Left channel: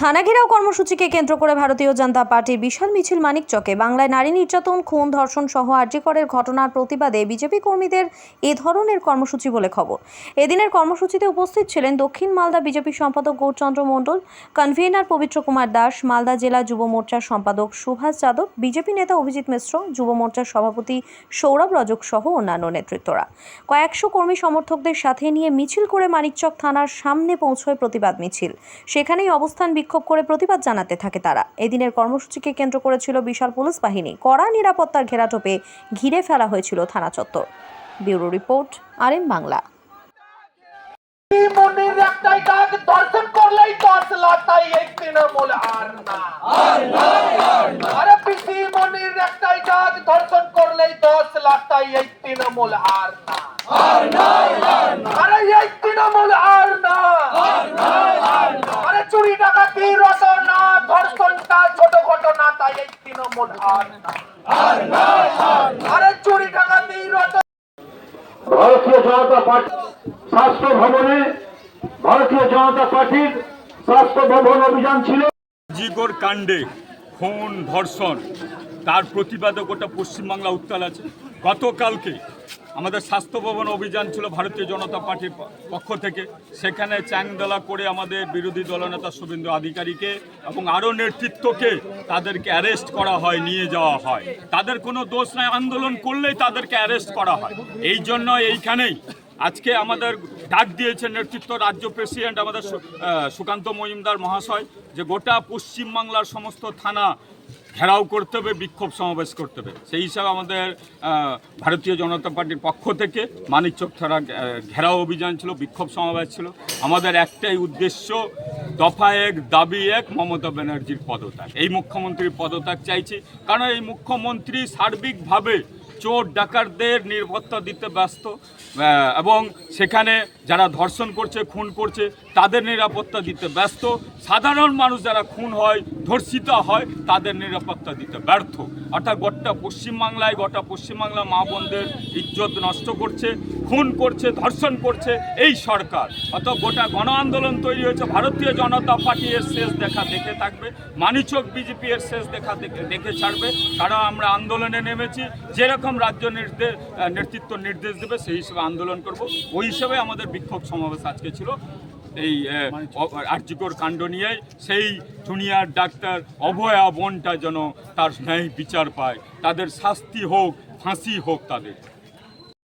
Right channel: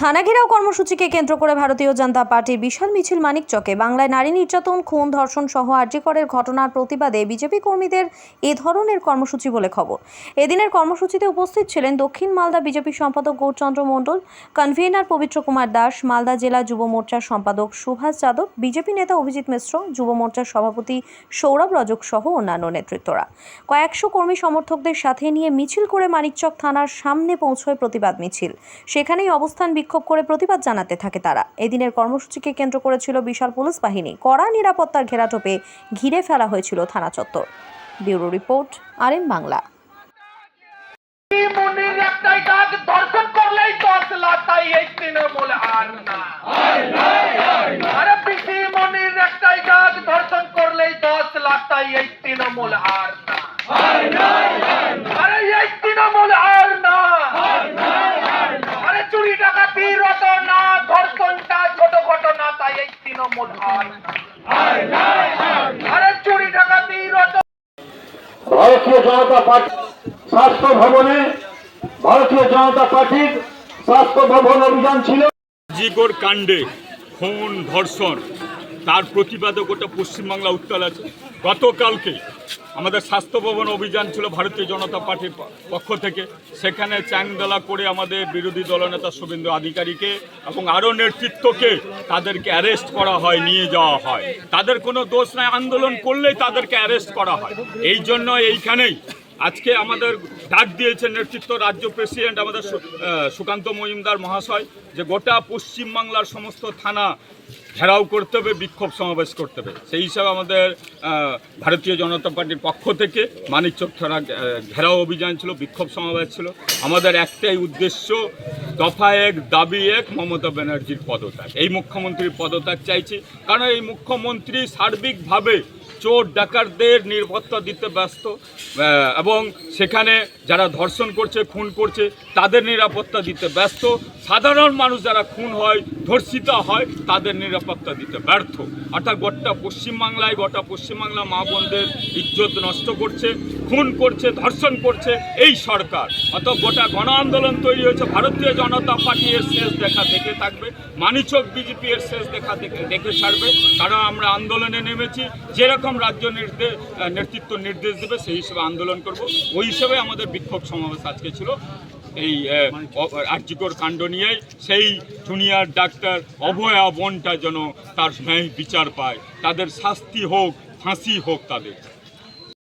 থানা ঘেরাও কর্মসূচিকে কেন্দ্র করে ভারতীয় জনতা পার্টির বিশাল মিছিল মানিকচকে। বাংলায় নারী নির্যাতন, খুন, ধর্ষণ সহ আর্যিকরের ঘটনার প্রতিবাদে বিজেপি কর্মীদের এ ধরনের কর্মসূচি বলে খবর। এদিনের কর্মসূচিতে উপস্থিত ছিলেন দক্ষিণ মালদা বিজেপি সম্পাদক গৌরচন্দ্র মণ্ডল, কনভেনার পবিত্র কুমার দাস, মালদা জেলা যুব মোর্চার সম্পাদক সুভাষ যাদব, বিজেপি নেতা অভিজিৎ মিশ্র, যুব মোর্চার সভাপতি সৌরভ রজক সহ অন্যান্য নেতৃত্বরা। কয়েকশো কর্মী সমর্থকদের সাথে নিয়ে মিছিল করে মানিকচক থানার সামনে পৌঁছয় প্রতিবাদ মিছিল। সেখানেই অবস্থান বিক্ষোভ করে প্রতিবাদ জানাতে থাকে তারা। এদিনের কর্মসূচিকে কেন্দ্র করেছিল বিশাল পুলিশ বাহিনী। কড়া নিরাপত্তার ঘেরাটোপে ঘিরে ফেলা হয়েছিল থানা চত্বর। Bureau report R M Bangla দর্শন করলেই আর না। আর না। আরে এই তৃণমূল আর না। আর চুরি ডাকাতি ভারতীয় জনতা পার্টি স্বাস্থ্য ভবনে ভারতীয় জনতা পার্টির স্বাস্থ্য ভবন অভিযান ছিল। জিগোর কাণ্ডে খুন ধর্ষণ। তার প্রতিবাদে গোটা পশ্চিমবাংলা উত্তাল আছে। গতকালকে আমাদের স্বাস্থ্য ভবন অভিযান ছিল ভারতীয় জনতা পার্টির পক্ষ থেকে। সেখানে চ্যাংদলা করে আমাদের বিরোধী দলনেতা শুভেন্দু আধিকারীকে এবং আরও নেতৃত্বকে তাদেরকে অ্যারেস্ট করা হয়, নিয়ে যাওয়া হয়। তাদের কোনো দোষ নাই, আন্দোলন করলেই তাদেরকে অ্যারেস্ট করা হয়। এই জন্য এইখানেই আজকে আমাদের ডাক দিয়েছেন নেতৃত্ব রাজ্য প্রেসিডেন্ট আমাদের সুকান্ত মজুমদার মহাশয় যে গোটা পশ্চিমবাংলার সমস্ত থানা ঘেরাও করতে হবে, বিক্ষোভ সমাবেশ করতে হবে। সেই হিসাবে আমাদের ভারতীয় জনতা পার্টির পক্ষ থেকে মানিক চোখ ঘেরাও অভিযান ছিল, বিক্ষোভ সমাবেশ ছিল। আমাদের একটাই উদ্দেশ্য দফা এক, দাবি এক, মমতা ব্যানার্জির পদত্যাগ। এই মুখ্যমন্ত্রীর পদত্যাগ চাইছি। কারণ এই মুখ্যমন্ত্রী সার্বিকভাবে চোর ডাকাতদের নিরাপত্তা দিতে ব্যস্ত এবং সেখানে যারা ধর্ষণ করছে, খুন করছে, তাদের নিরাপত্তা দিতে ব্যস্ত। সাধারণ মানুষ যারা খুন হয়, ধর্ষিত হয়, তাদের নিরাপত্তা দিতে ব্যর্থ। অর্থাৎ গোটা পশ্চিমবাংলায়, গোটা পশ্চিমবাংলা মা বোনদের ইজ্জত নষ্ট করছে। খুন করছে, ধর্ষণ করছে এই সরকার। অত গোটা গণ আন্দোলন তৈরি হয়েছে, ভারতীয় জনতা পার্টি এর শেষ দেখা দেখে থাকবে, মানিচক বিজেপি এর শেষ দেখা দেখে দেখে ছাড়বে কারণ আমরা আন্দোলনে নেমেছি, যেরকম রাজ্য নির্দেশ নেতৃত্ব নির্দেশ দেবে, সেই হিসেবে আন্দোলন করব। ওই হিসেবে আমাদের বিক্ষোভ সমাবেশ আজকে ছিল। এই আর্যিকর কাণ্ড নিয়ে সেই জুনিয়র ডাক্তার অভয়া বোনটা যেন তার ন্যায় বিচার পায়। তাদের শাস্তি হোক, ফাঁসি হোক তাদের।